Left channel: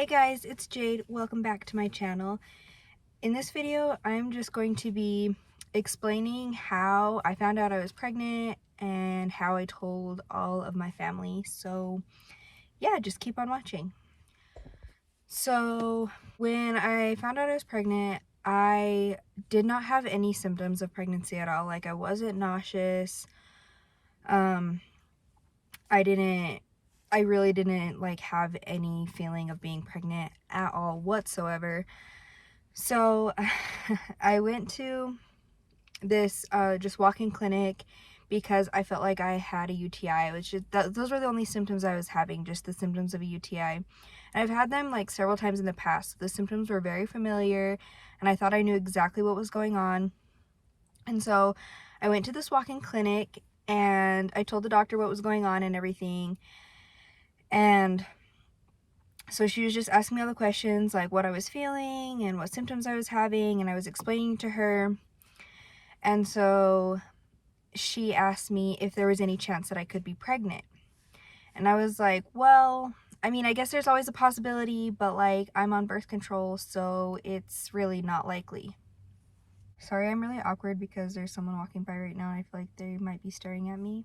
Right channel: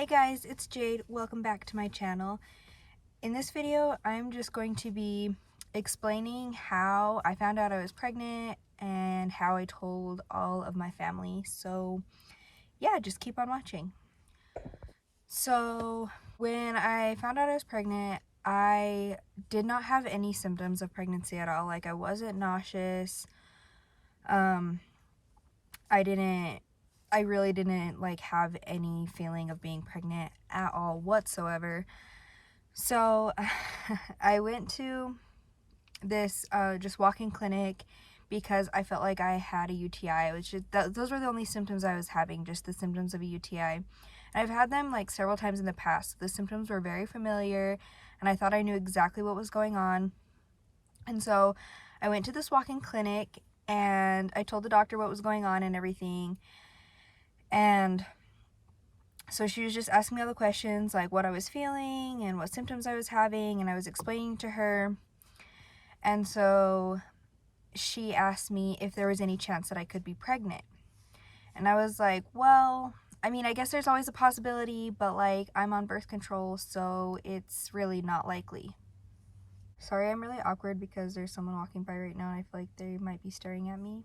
Hey guys, it's Jade. Welcome back to my channel. In this video, I'm just going to be explaining how I found out I was pregnant and how I told all of my family. So yeah, just keep on watching. So when I found out I was pregnant, I did not have any symptoms of pregnancy at all. Like I wasn't nauseous. I really didn't like have any feeling of being pregnant at all whatsoever. So I went to this just walk-in clinic because I felt like I had a UTI, which is those were the only symptoms I was having, just the symptoms of a UTI. And I've had them like several times in the past. The symptoms were very familiar and I thought I knew exactly what was going on. And so I went to this walk-in clinic and I told the doctor what was going on and everything. And so she was just asking me all the questions, like what I was feeling and what symptoms I was having, and I was explaining to her. And so she asked me if there was any chance that I could be pregnant. And I was like, well, I mean, I guess there's always a possibility, but like I'm on birth control, so it's really not likely. Sorry, I'm really awkward because there's someone walking by right now and I feel like they might be staring at me.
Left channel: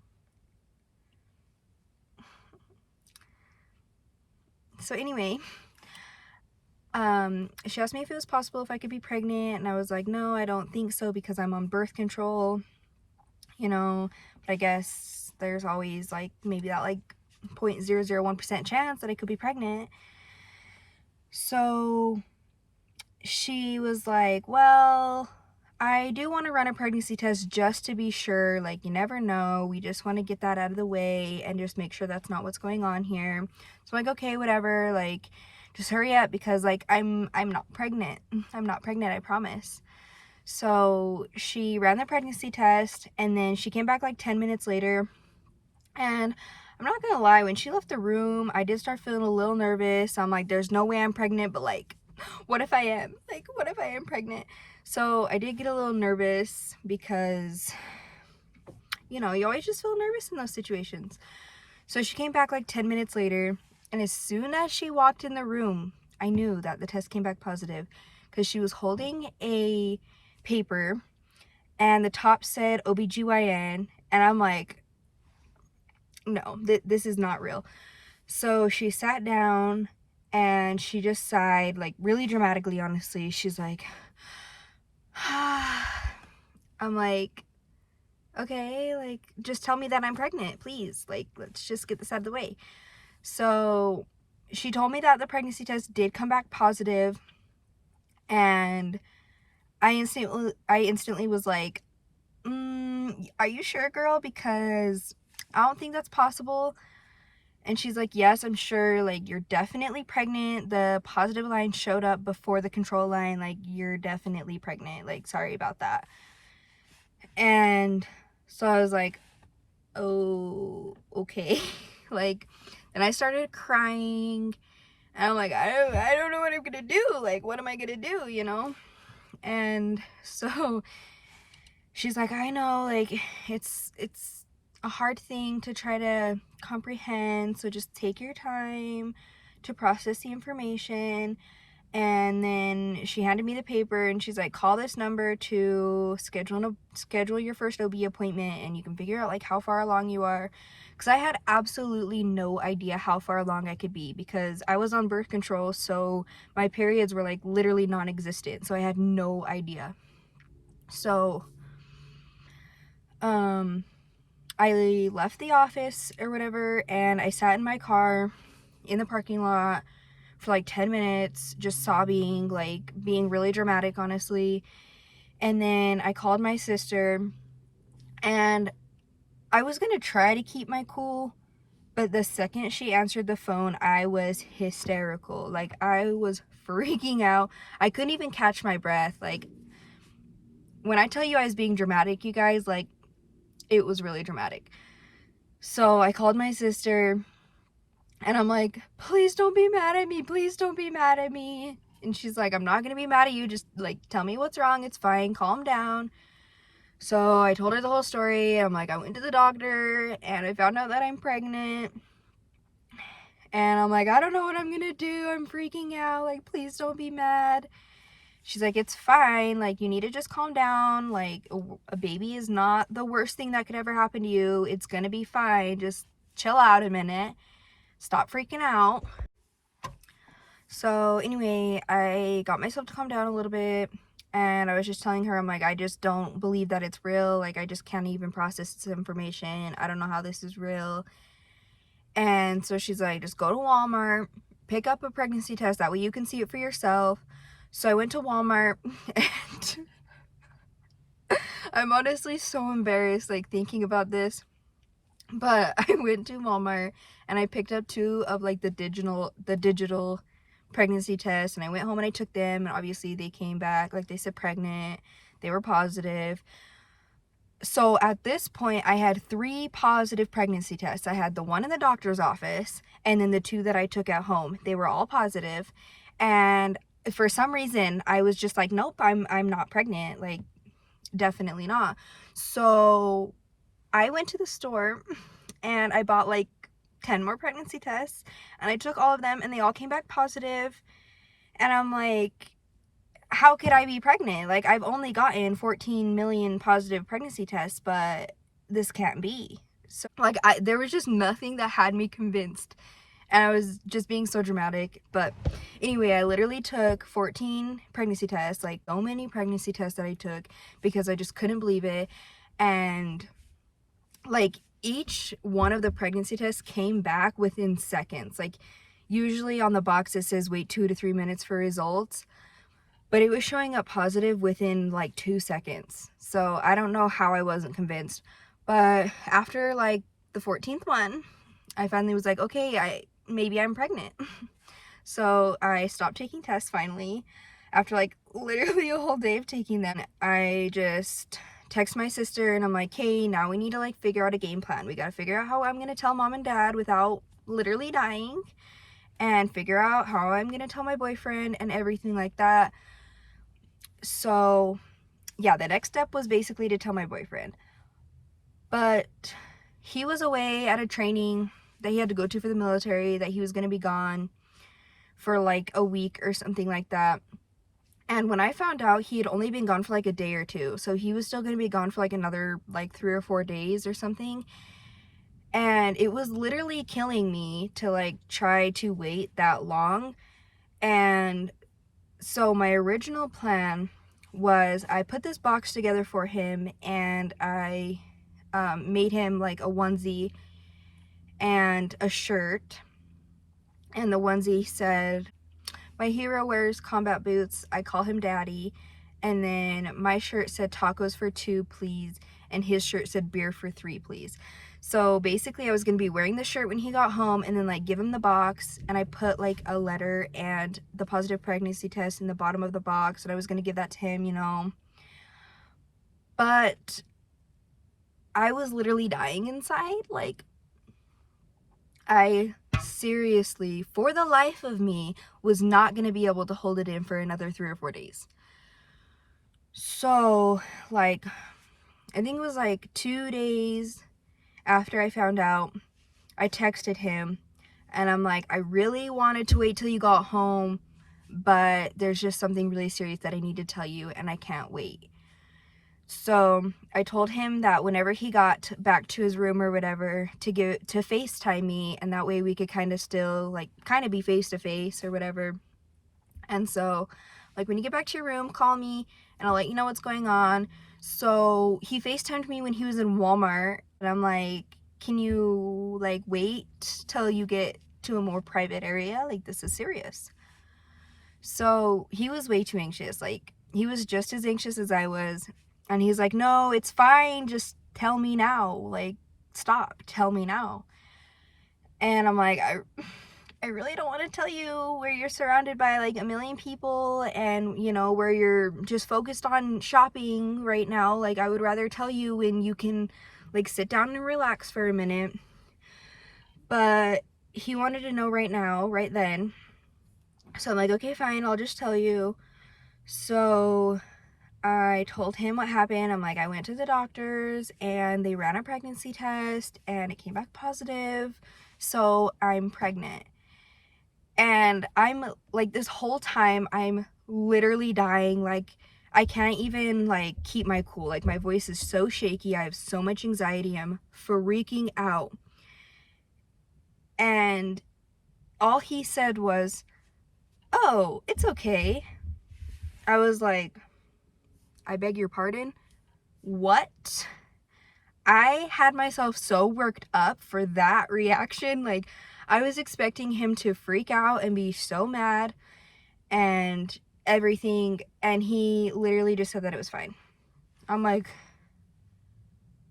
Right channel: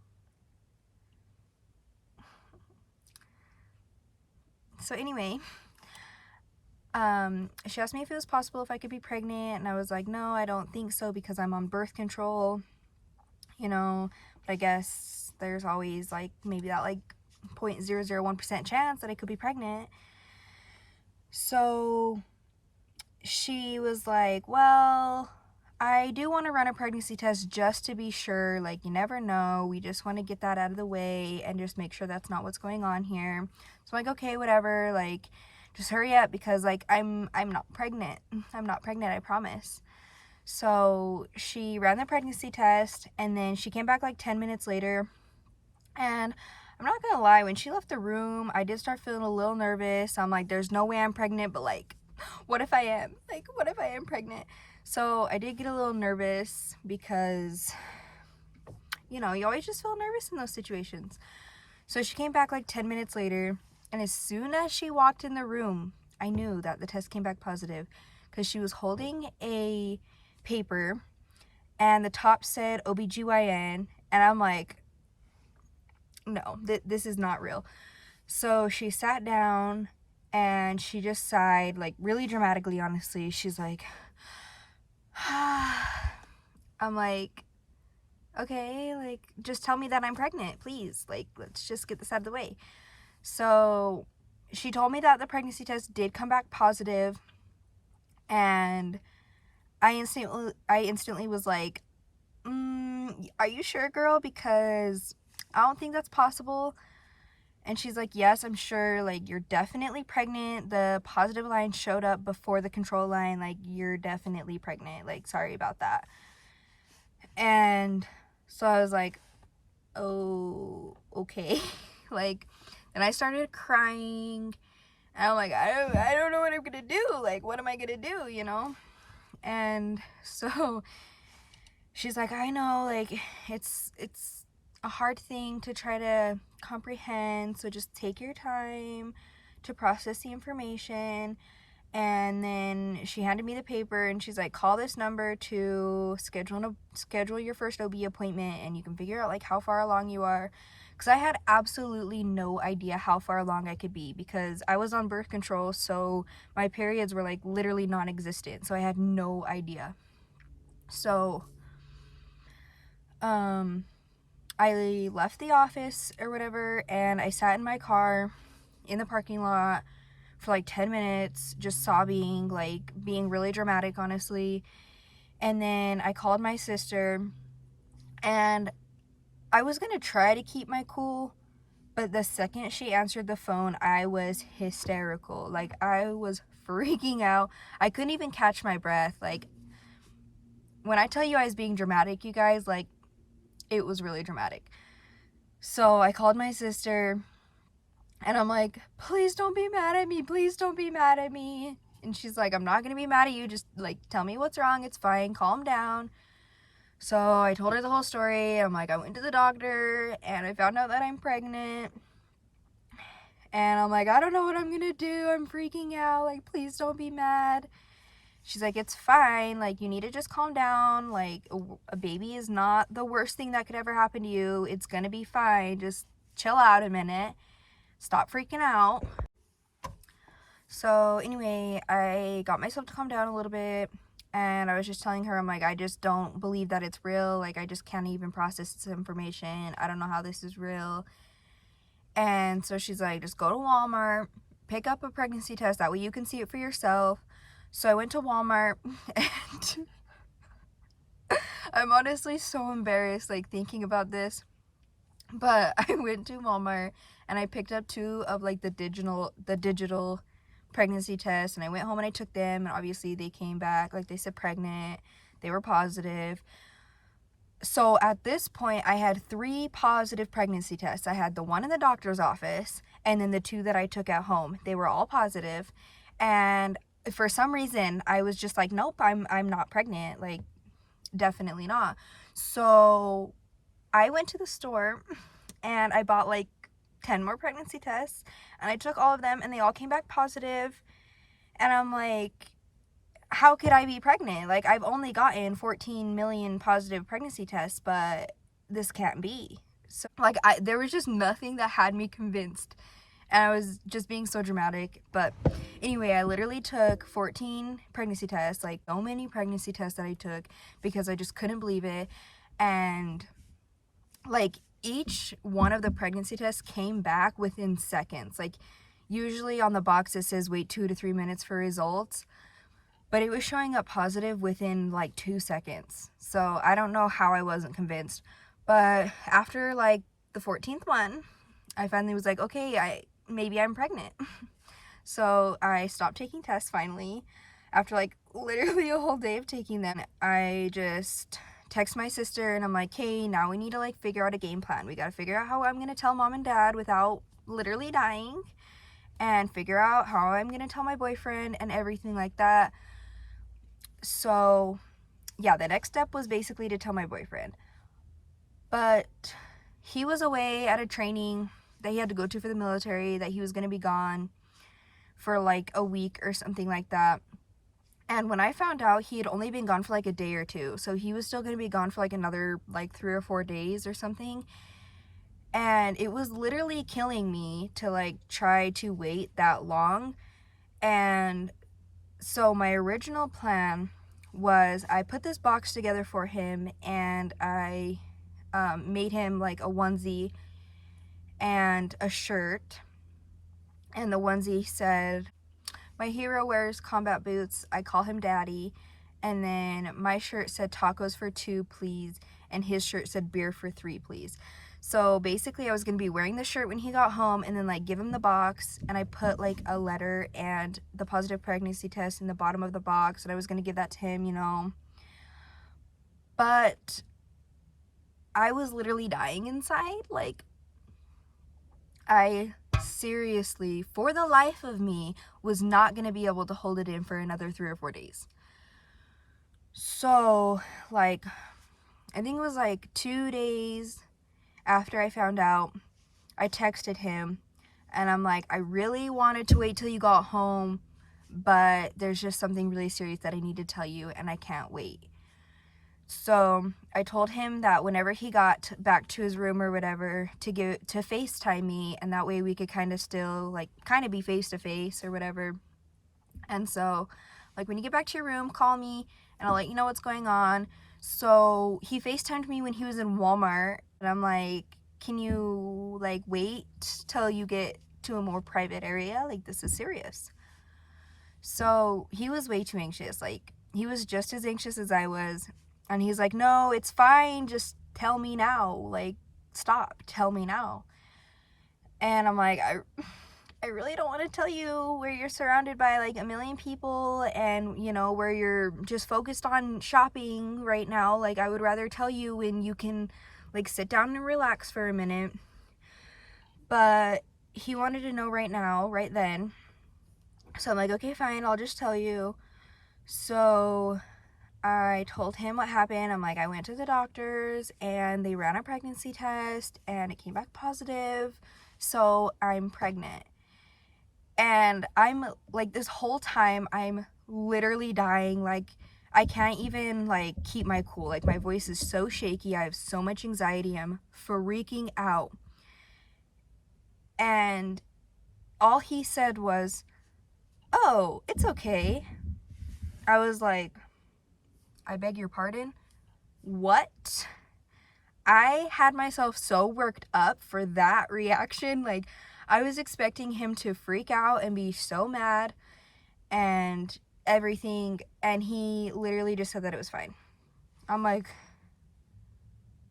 So anyway, she asked me if it was possible if I could be pregnant, and I was like, no, I don't think so because I'm on birth control, you know, but I guess there's always like maybe that like 0.001% chance that I could be pregnant. So she was like, well, I do want to run a pregnancy test just to be sure, like you never know, we just want to get that out of the way and just make sure that's not what's going on here. So I'm like, okay, whatever, like just hurry up because like I'm not pregnant. I'm not pregnant, I promise. So she ran the pregnancy test and then she came back like 10 minutes later, and I'm not gonna lie, when she left the room I did start feeling a little nervous. I'm like, there's no way I'm pregnant, but like what if I am? Like what if I am pregnant? So I did get a little nervous because, you know, you always just feel nervous in those situations. So she came back like 10 minutes later, and as soon as she walked in the room, I knew that the test came back positive because she was holding a paper and the top said OBGYN, and I'm like, no, this is not real. So she sat down and she just sighed, like really dramatically, honestly. She's like, I'm like, okay, like just tell me that I'm pregnant, please. Like, let's just get this out of the way. So she told me that the pregnancy test did come back positive, and I instantly was like, are you sure, girl? Because I don't think that's possible. And she's like, yes, I'm sure, like you're definitely pregnant. The positive line showed up before the control line. Like you're definitely pregnant. Like sorry about that. And so I was like, oh, okay. Like, and I started crying. And I'm like, I don't know what I'm gonna do. Like, what am I gonna do, you know? And so she's like, I know, like it's a hard thing to try to comprehend, so just take your time to process the information. And then she handed me the paper and she's like, call this number to schedule your first OB appointment, and you can figure out like how far along you are. Because I had absolutely no idea how far along I could be because I was on birth control, so my periods were like literally non-existent, so I had no idea. So I left the office or whatever, and I sat in my car in the parking lot for like 10 minutes, just sobbing, like being really dramatic, honestly. And then I called my sister, and I was gonna try to keep my cool, but the second she answered the phone, I was hysterical. Like I was freaking out. I couldn't even catch my breath. Like when I tell you I was being dramatic, you guys, like it was really dramatic. So I called my sister and I'm like, please don't be mad at me. Please don't be mad at me. And she's like, I'm not going to be mad at you. Just like, tell me what's wrong. It's fine. Calm down. So I told her the whole story. I'm like, I went to the doctor and I found out that I'm pregnant. And I'm like, I don't know what I'm gonna do. I'm freaking out. Like, please don't be mad. She's like, it's fine. Like, you need to just calm down. Like, a baby is not the worst thing that could ever happen to you. It's gonna be fine. Just chill out a minute. Stop freaking out. So anyway, I got myself to calm down a little bit. And I was just telling her, I'm like, I just don't believe that it's real. Like, I just can't even process this information. I don't know how this is real. And so she's like, just go to Walmart, pick up a pregnancy test. That way you can see it for yourself. So I went to Walmart and I'm honestly so embarrassed, like, thinking about this. But I went to Walmart and I picked up 2 of, like, the digital pregnancy tests, and I went home and I took them, and obviously they came back, like, they said pregnant. They were positive. So at this point, I had 3 positive pregnancy tests. I had the one in the doctor's office, and then the 2 that I took at home. They were all positive, and for some reason, I was just like, nope, I'm not pregnant. Like, definitely not. So I went to the store and I bought like 10 more pregnancy tests, and I took all of them and they all came back positive. And I'm like, how could I be pregnant? Like, I've only gotten 14 million positive pregnancy tests, but this can't be. So like, there was just nothing that had me convinced, and I was just being so dramatic. But anyway, I literally took 14 pregnancy tests, like so many pregnancy tests that I took, because I just couldn't believe it. And like, each one of the pregnancy tests came back within seconds. Like, usually on the box it says wait 2 to 3 minutes for results, but it was showing up positive within like 2 seconds. So I don't know how I wasn't convinced. But after like the 14th one, I finally was like, okay, maybe I'm pregnant. So I stopped taking tests finally. After like literally a whole day of taking them, I just text my sister and I'm like, hey, now we need to like figure out a game plan. We got to figure out how I'm going to tell mom and dad without literally dying, and figure out how I'm going to tell my boyfriend and everything like that. So yeah, the next step was basically to tell my boyfriend. But he was away at a training that he had to go to for the military, that he was going to be gone for like a week or something like that. And when I found out, he had only been gone for like a day or 2. So he was still going to be gone for like another like 3 or 4 days or something. And it was literally killing me to like try to wait that long. And so my original plan was, I put this box together for him, and I made him like a onesie and a shirt. And the onesie said, my hero wears combat boots, I call him daddy. And then my shirt said tacos for 2, please. And his shirt said beer for 3, please. So basically I was going to be wearing the shirt when he got home, and then like give him the box, and I put like a letter and the positive pregnancy test in the bottom of the box, and I was going to give that to him, you know. But I was literally dying inside. Like, I seriously, for the life of me, was not going to be able to hold it in for another 3 or 4 days. So like, I think it was like 2 days after I found out, I texted him and I'm like, I really wanted to wait till you got home, but there's just something really serious that I need to tell you, and I can't wait. So I told him that whenever he got back to his room or whatever, to FaceTime me, and that way we could kind of still like kind of be face to face or whatever. And so like, when you get back to your room, call me and I'll let you know what's going on. So he FaceTimed me when he was in Walmart, and I'm like, can you like wait till you get to a more private area? Like, this is serious. So he was way too anxious. Like, he was just as anxious as I was. And he's like, no, it's fine. Just tell me now. Like, stop. Tell me now. And I'm like, I really don't want to tell you where you're surrounded by like a million people, and you know, where you're just focused on shopping right now. Like, I would rather tell you when you can like sit down and relax for a minute. But he wanted to know right now, right then. So I'm like, okay, fine, I'll just tell you. So I told him what happened. I'm like, I went to the doctors and they ran a pregnancy test and it came back positive. So I'm pregnant. And I'm like, this whole time I'm literally dying. Like, I can't even like keep my cool. Like, my voice is so shaky. I have so much anxiety. I'm freaking out. And all he said was, "Oh, it's okay." I was like, "I beg your pardon? What?" I had myself so worked up for that reaction. Like, I was expecting him to freak out and be so mad and everything, and he literally just said that it was fine. I'm like,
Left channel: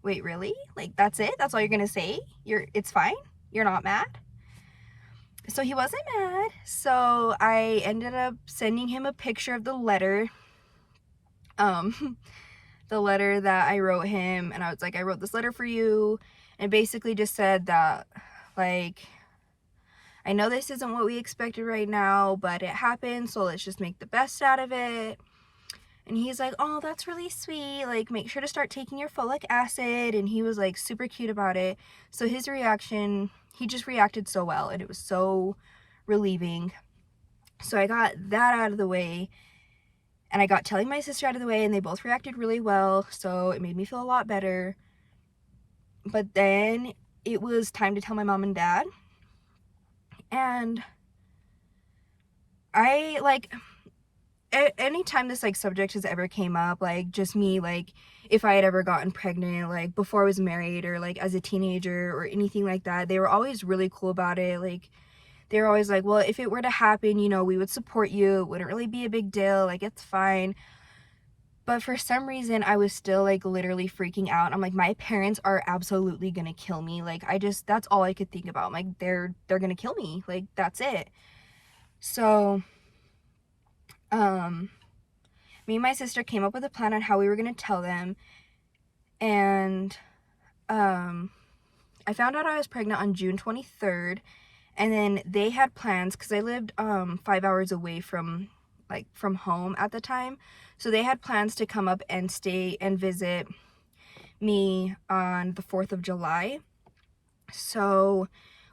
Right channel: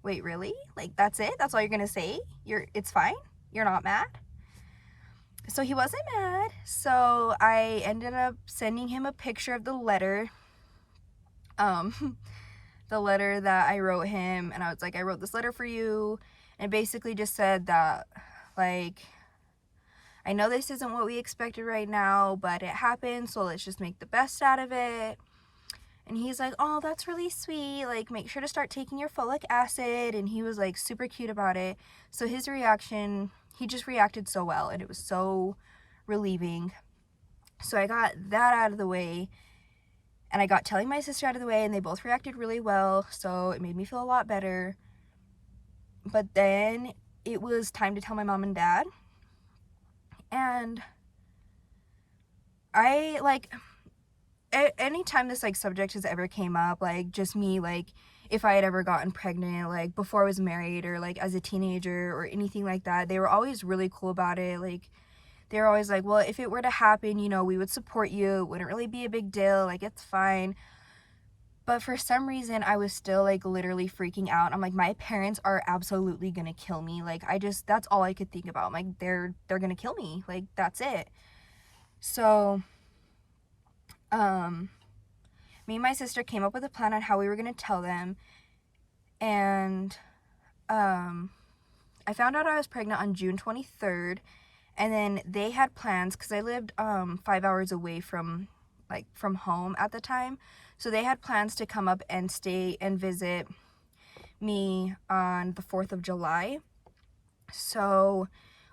wait, really? Like, that's it? That's all you're gonna say? It's fine? You're not mad? So he wasn't mad. So I ended up sending him a picture of the letter. The letter that I wrote him, and I was like, I wrote this letter for you, and basically just said that, like, I know this isn't what we expected right now, but it happened, so let's just make the best out of it. And he's like, "Oh, that's really sweet. Like, make sure to start taking your folic acid." And he was like super cute about it. So his reaction, he just reacted so well, and it was so relieving. So I got that out of the way, and I got telling my sister out of the way, and they both reacted really well. So it made me feel a lot better. But then it was time to tell my mom and dad. And I like, anytime this like subject has ever came up, like just me, like if I had ever gotten pregnant, like before I was married or like as a teenager or anything like that, they were always really cool about it. Like, they were always like, "Well, if it were to happen, you know, we would support you. It wouldn't really be a big deal. Like, it's fine." But for some reason, I was still like literally freaking out. I'm like, my parents are absolutely gonna kill me. Like, that's all I could think about. I'm like, they're gonna kill me. Like, that's it. So, me and my sister came up with a plan on how we were gonna tell them. And, I found out I was pregnant on June 23rd. And then they had plans, because I lived 5 hours away from home at the time. So they had plans to come up and stay and visit me on the 4th of July. So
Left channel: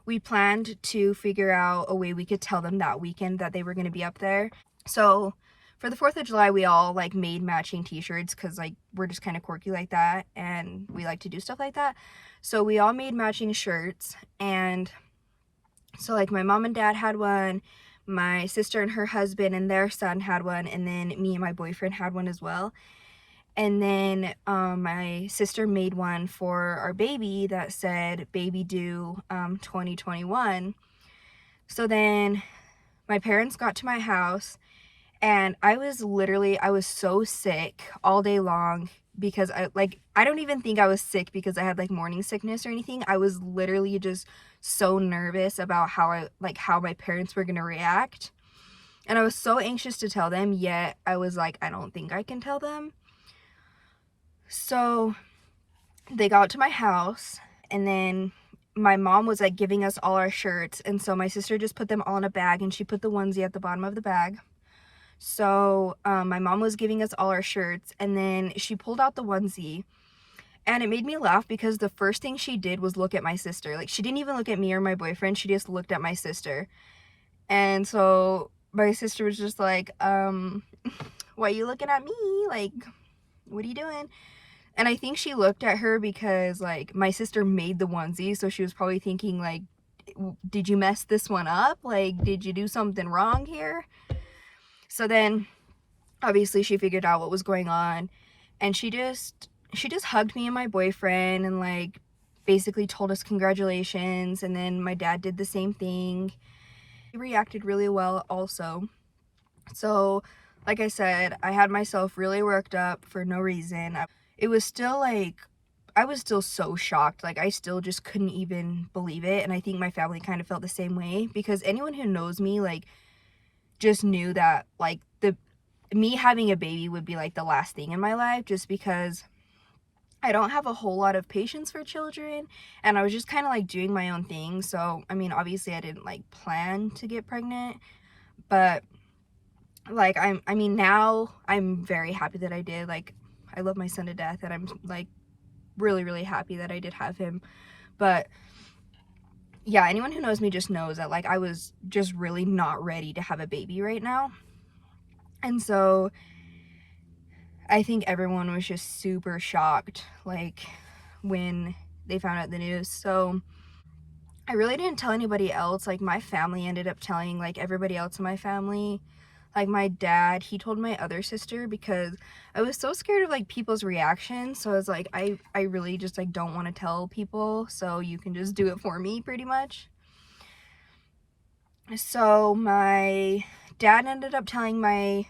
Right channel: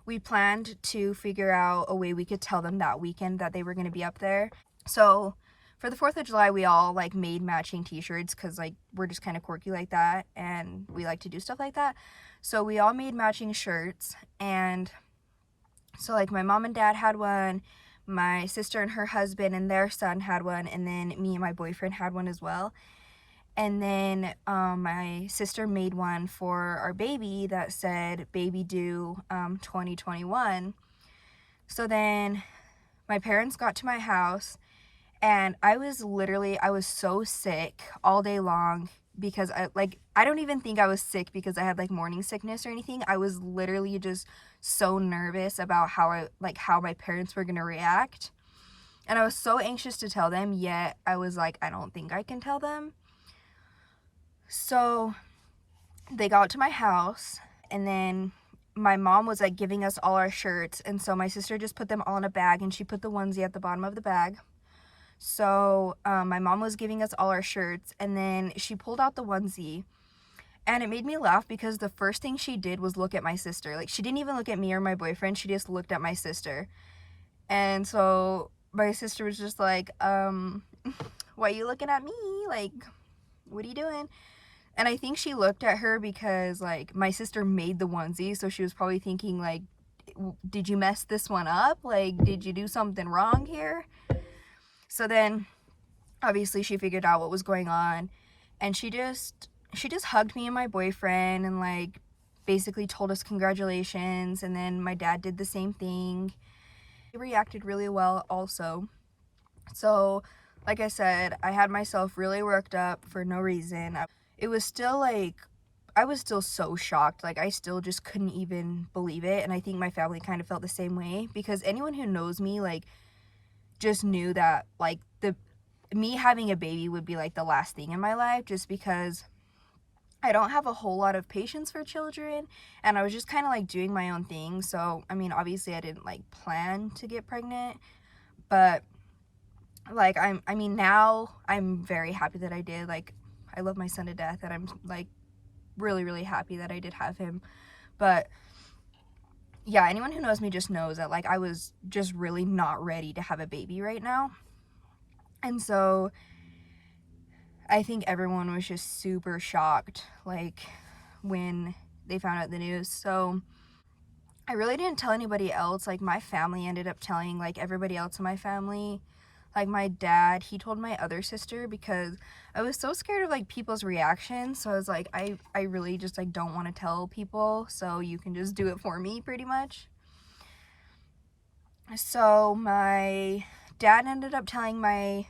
we planned to figure out a way we could tell them that weekend that they were going to be up there. So for the 4th of July, we all like made matching t-shirts, because like we're just kind of quirky like that, and we like to do stuff like that. So we all made matching shirts, and so like my mom and dad had one, my sister and her husband and their son had one, and then me and my boyfriend had one as well. And then my sister made one for our baby that said "baby due 2021." So then my parents got to my house, and I was so sick all day long, because I don't even think I was sick because I had like morning sickness or anything. I was literally just so nervous about how my parents were gonna react. And I was so anxious to tell them, yet I was like, I don't think I can tell them. So they got to my house, and then my mom was like giving us all our shirts, and so my sister just put them all in a bag, and she put the onesie at the bottom of the bag. So my mom was giving us all our shirts, and then she pulled out the onesie, and it made me laugh because the first thing she did was look at my sister. Like, she didn't even look at me or my boyfriend, she just looked at my sister. And so my sister was just like, "Why are you looking at me? Like, what are you doing?" And I think she looked at her because like my sister made the onesie, so she was probably thinking like, "Did you mess this one up? Like, did you do something wrong here?" So then obviously she figured out what was going on, and she just hugged me and my boyfriend and like basically told us congratulations. And then my dad did the same thing. He reacted really well also. So like I said, I had myself really worked up for no reason. It was still like, I was still so shocked. Like, I still just couldn't even believe it. And I think my family kind of felt the same way, because anyone who knows me like just knew that like me having a baby would be like the last thing in my life, just because I don't have a whole lot of patience for children, and I was just kind of like doing my own thing. So I mean, obviously I didn't like plan to get pregnant, but like now I'm very happy that I did. Like, I love my son to death, and I'm like really, really happy that I did have him. But yeah, anyone who knows me just knows that like I was just really not ready to have a baby right now. And so I think everyone was just super shocked like when they found out the news. So I really didn't tell anybody else. Like my family ended up telling like everybody else in my family. Like my dad, he told my other sister because I was so scared of like people's reactions. So I was like, I really just like don't want to tell people, so you can just do it for me pretty much. So my dad ended up telling my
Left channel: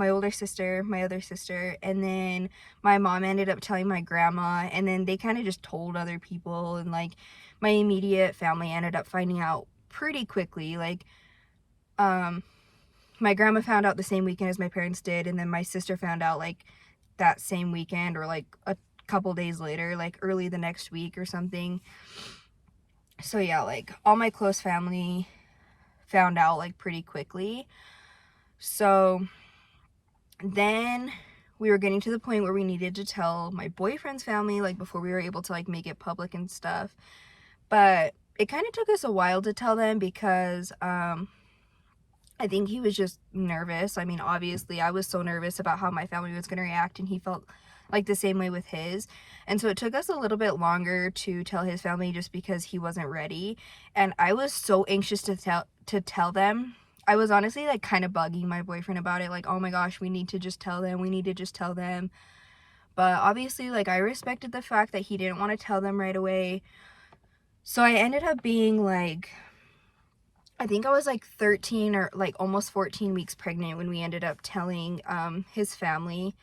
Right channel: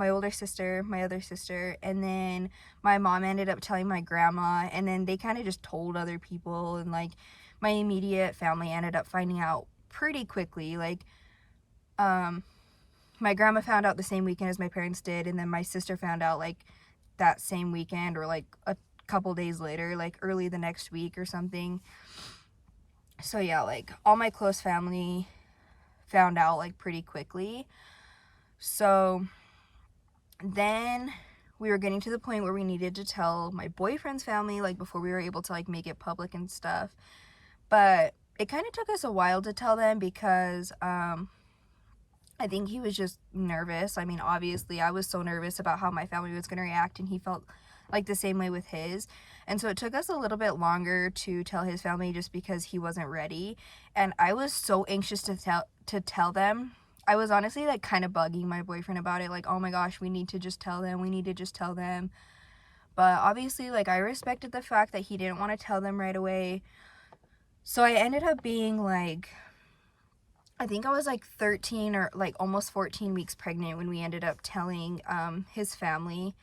older sister, my other sister, and then my mom ended up telling my grandma, and then they kind of just told other people, and like my immediate family ended up finding out pretty quickly. Like my grandma found out the same weekend as my parents did, and then my sister found out like that same weekend or like a couple days later, like early the next week or something. So yeah, like all my close family found out like pretty quickly. So then we were getting to the point where we needed to tell my boyfriend's family like before we were able to like make it public and stuff. But it kind of took us a while to tell them because I think he was just nervous. I mean, obviously I was so nervous about how my family was going to react, and he felt like the same way with his. And so it took us a little bit longer to tell his family just because he wasn't ready. And I was so anxious to tell them. I was honestly like kind of bugging my boyfriend about it, like, oh my gosh, we need to just tell them. We need to just tell them. But obviously, like, I respected the fact that he didn't want to tell them right away. So I ended up being like, I think I was like 13 or like almost 14 weeks pregnant when we ended up telling his family.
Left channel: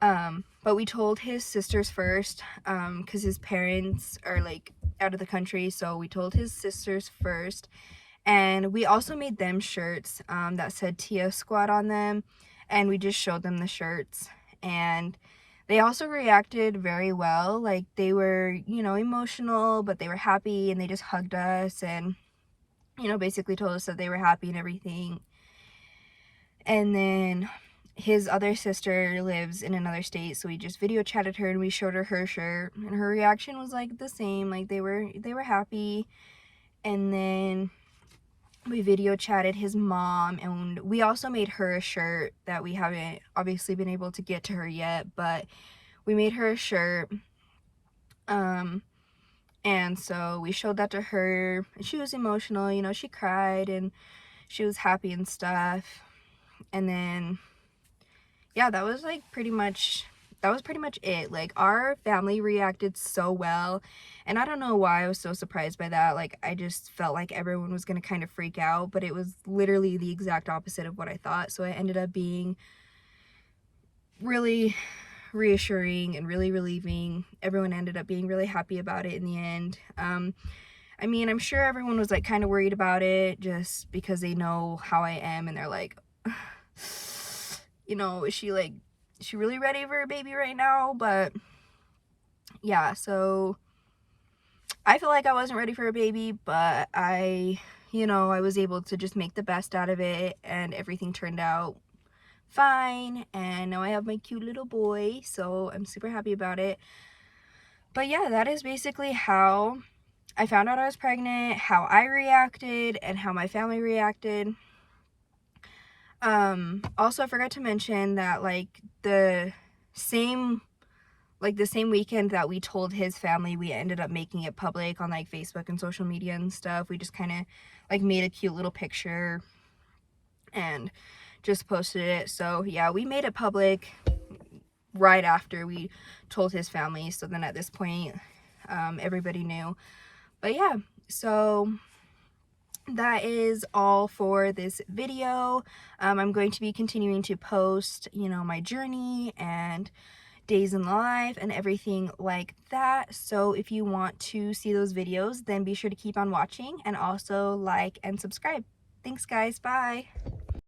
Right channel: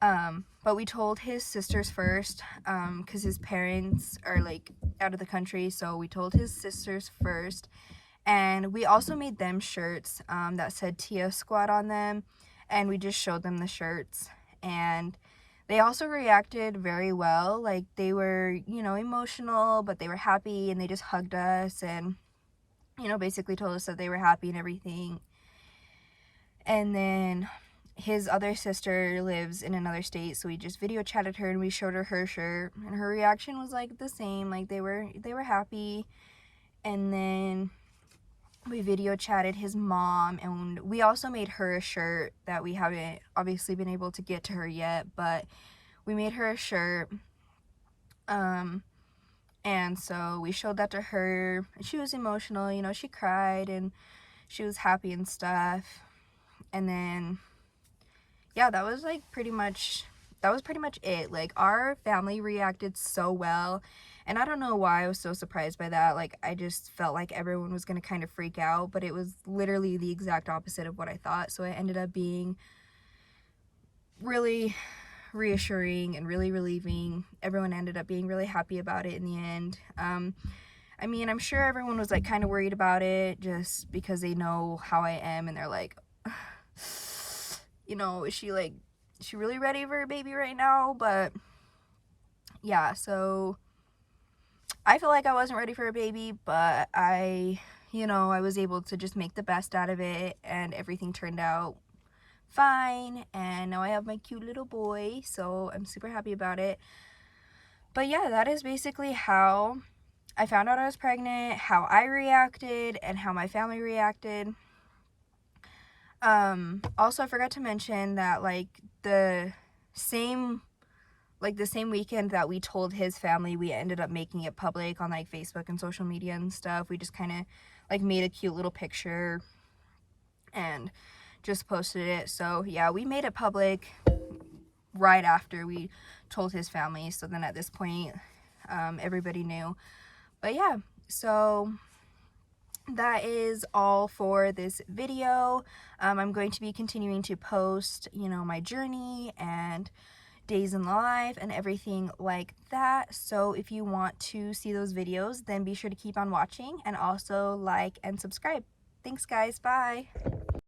But we told his sisters first because his parents are like out of the country. So we told his sisters first. And we also made them shirts that said Tia Squad on them. And we just showed them the shirts. And they also reacted very well. Like they were, you know, emotional, but they were happy, and they just hugged us and, you know, basically told us that they were happy and everything. And then his other sister lives in another state, so we just video chatted her and we showed her her shirt, and her reaction was like the same. Like they were happy. And then we video chatted his mom, and we also made her a shirt that we haven't obviously been able to get to her yet, but we made her a shirt. And so we showed that to her, and she was emotional, you know, she cried and she was happy and stuff. And then yeah, that was pretty much it. Like our family reacted so well, and I don't know why I was so surprised by that. Like I just felt like everyone was gonna kind of freak out, but it was literally the exact opposite of what I thought. So it ended up being really reassuring and really relieving. Everyone ended up being really happy about it in the end. I mean, I'm sure everyone was like kind of worried about it just because they know how I am, and they're like, you know, is she really ready for a baby right now? But yeah, so I feel like I wasn't ready for a baby, but I was able to just make the best out of it, and everything turned out fine, and now I have my cute little boy, so I'm super happy about it. But yeah, that is basically how I found out I was pregnant, how I reacted, and how my family reacted. Also, I forgot to mention that the same weekend that we told his family, we ended up making it public on like Facebook and social media and stuff. We just kind of like made a cute little picture and just posted it. So yeah, we made it public right after we told his family. So then at this point, everybody knew. But yeah, so that is all for this video. I'm going to be continuing to post, my journey and days in the life and everything like that. So if you want to see those videos, then be sure to keep on watching, and also like and subscribe. Thanks guys, bye.